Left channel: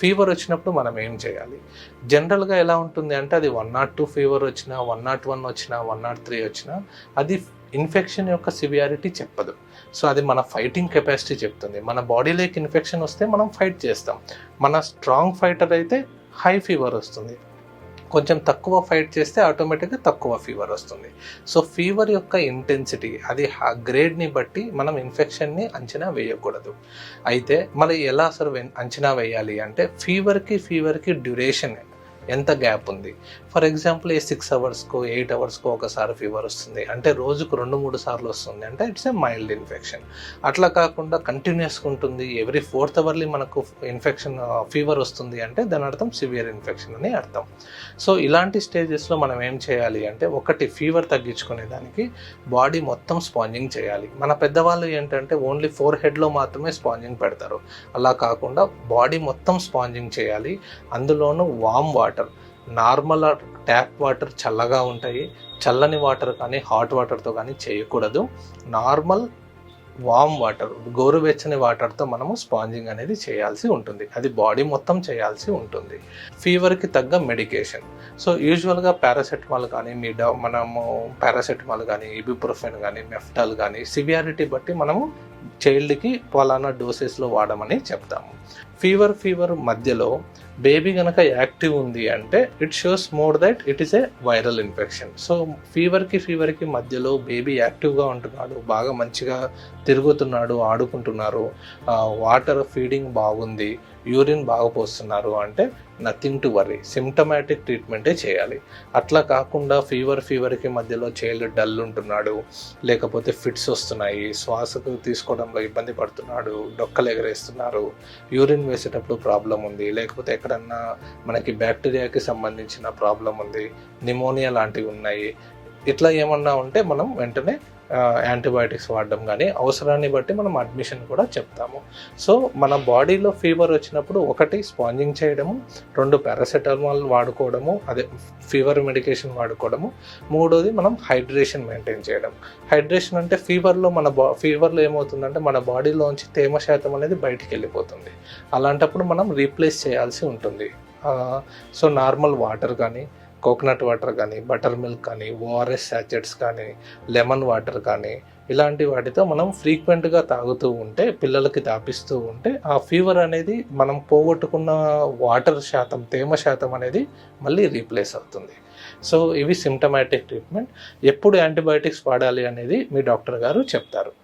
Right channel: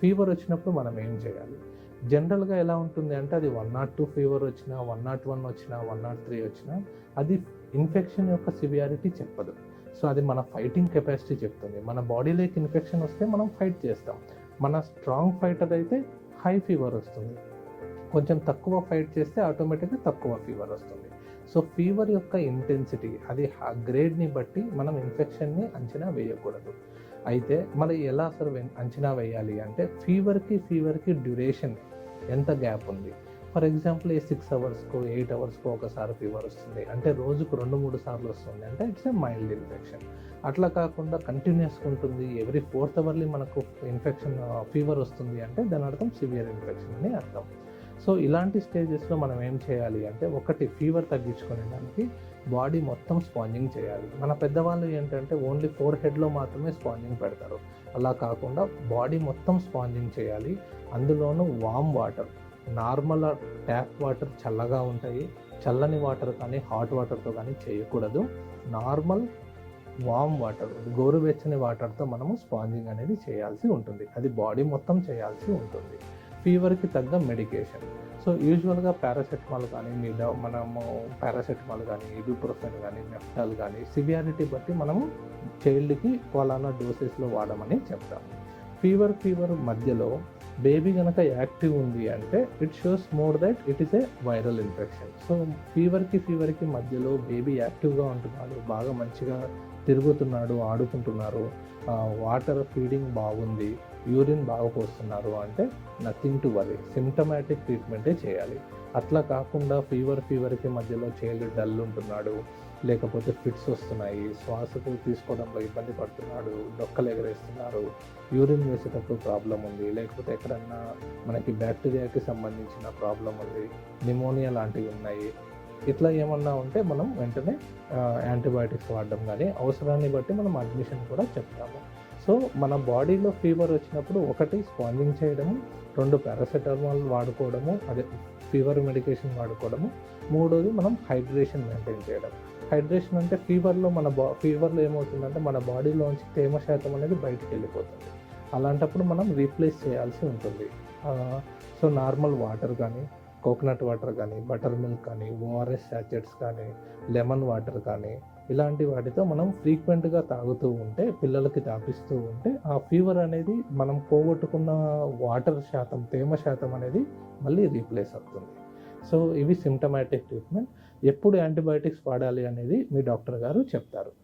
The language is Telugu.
ఫీవర్ వచ్చినప్పుడు మనం ఏం చేయాలి? జనరల్‌గా ఎలా ఉంటుంది అంటే అది 102 ఫీవర్ వచ్చినా, 101 వచ్చినా, 103 వచ్చినా అది ఇన్ఫెక్షన్ యొక్క సివియారిటీ చెప్పదు. సో, అది మన ఫైటింగ్ కెపాసిటీ చెప్తుంది. మన బాడీలోకి ఇన్ఫెక్షన్ వస్తే మనం ఫైట్ చేస్తాం. మన స్ట్రాంగ్ ఫైటర్ అయితే హై ఫీవర్ వస్తుంది. కొంచెం తక్కువ ఫైట్ చేస్తే ఆటోమేటిక్గా తక్కువ ఫీవర్ వస్తుంది. సో ఫీవర్ యొక్క ఇంటెన్సిటీ అది గ్రేడ్ని బట్టి మనం ఇన్ఫెక్షన్ని అంచనా వేయకూడదు. అయితే మరి ఎలా అసలు అంచనా వేయాలి అంటే ఫీవర్కి డ్యూరేషన్ ఎంత గ్యాప్ ఉంది. ఫర్ ఎగ్జాంపుల్ 6 అవర్స్కో 8 అవర్స్కో ఒకసారి ఫీవర్ వస్తుంది అంటే రోజుకు 2-3 సార్లు వస్తుంది అంటే ఇట్స్ ఏ మైల్డ్ ఇన్ఫెక్షన్. అట్లా కాకుండా కంటిన్యూస్గా ఉంటుంది, ఎవ్రీ 4th అవర్లీ మనకు ఫీవర్ వస్తుంది అంటే దాని అర్థం సివియర్ ఇన్ఫెక్షన్ అని అర్థం. సో ఇలాంటి స్టేజెస్లో మనం ఏం చేయాలి అంటే ఒకటి ఫీవర్ తగ్గించుకునే దానికి బాడీ మొత్తం స్పాంజింగ్ చేయాలి. మన పెద్దవాళ్ళు ఏంటంటే ఓన్లీ ఫోర్ హెడ్లో మాత్రమే స్పాంజింగ్ పెడతారు. అలా కాకుండా బాడీ మొత్తం స్పాంజింగ్ చేయాలి. అందులోనూ warm water, normal tap water చల్లగా ఉంటాయి, చల్లని వాటర్ కానీ హాట్ వాటర్తో కానీ చేయకూడదు. నార్మల్ వామ్ వాటర్, గోరువెచ్చని వాటర్తో మనము స్పాంజింగ్ అనేది చేయాల్సి ఉంటుంది. అది బాడీ మొత్తం చేయాల్సి ఉంటుంది. ఫీవర్కి తగ్గ మెడికేషన్, సో యూజువల్గా పారాసెటమాల్ కానీ మనము పారాసెటమాల్ కానీ ఇబుప్రోఫెన్ కానీ మెఫ్టాల్ కానీ సివియారిటీ బట్టి మనము చైల్డ్కి పలానా డోసెస్లో వాడమని చెప్తాము. ఫీవర్ మధ్యలో బేబీ కనుక యాక్టివ్ ఉంది అంటే it shows more that it is a viral infection. So ఫీవర్కి మధ్యలో బేబీ యాక్టివ్గా ఉంటున్నాడు, బాగా మంచిగా తిరుగుతున్నాడు, ఆడుకుంటున్నారు, వాటర్ ఫీడింగ్ బాగుంది, యూరిన్ బాగా పోస్తున్నారు అంటే నథింగ్ టు వరీ, సిమ్టమాటిక్ ట్రీట్మెంటే చేయాలి. అట్లా కాకుండా ఫీవర్కి మధ్యలో చైల్డ్ డల్ ఉంటున్నాడు, లేకపోతే ఫిట్స్ వస్తున్నాయి, శ్వాసకు తీసుకోవడంలో ఇబ్బంది పడుతున్నాడు, డొక్కలు ఎగరేస్తున్నారు, యూరిన్ వేసేటప్పుడు ప్రాబ్లం ఉంది, లేకపోతే ఎక్కడన్నా మనకి బ్యాక్టీరియాకి సంబంధించిన ప్రాబ్లం ఉంది, నిమోనియా లాంటివి ఉన్నాయి, ఇట్లా ఏమన్నా ఉంటే మనం వెంటనే యాంటీబయాటిక్స్ వాడడం కానీ అవసరాన్ని బట్టి మనం అడ్మిషన్ కూడా చెప్తాము. సో మన బాడీలో ఫీవర్ వచ్చినప్పుడు ఒకటి స్పాంజింగ్ చేయడము, 2 పారాసెటమాల్ వాడుకోవడము, అదే ఫీవర్ మెడికేషన్ వాడుకోవడము, 3వది మనం హైడ్రేషన్ మెయింటైన్ చేయడం. హైడ్రేషన్ అంటే ఫీవర్లో ఏమవుతుందంటే మన బాడీలోంచి తేమ శాతం అనేది బయటికి వెళ్ళిపోతుంది. అలాంటప్పుడు మనం రీప్లేస్ చేయాల్సి ఉంటుంది. సో నార్మల్ వాటర్ కానీ, కోకోనట్ వాటర్ కానీ, బటర్ మిల్క్ కానీ, ఓఆర్ఎస్ శాచెట్స్ కానీ, లెమన్ వాటర్ కానీ ఇలాంటి వాటితో మనం ఫ్రీక్వెంట్గా తాగుతూ ఉంటే, పిల్లలకి తాపిస్తూ ఉంటే ఆ ఫీవర్ అనేది మనం పోగొట్టుకున్న వాటర్ శాతం, తేమ శాతం అనేది మళ్ళీ రీప్లేస్ అవుతుంది. సో ఇవి సిమ్టమాటిక్ ట్రీట్మెంట్. ఎప్పుడు యాంటీబయాటిక్స్ వాడాలి అనేది మీ డాక్టర్ గారు చెప్తారు.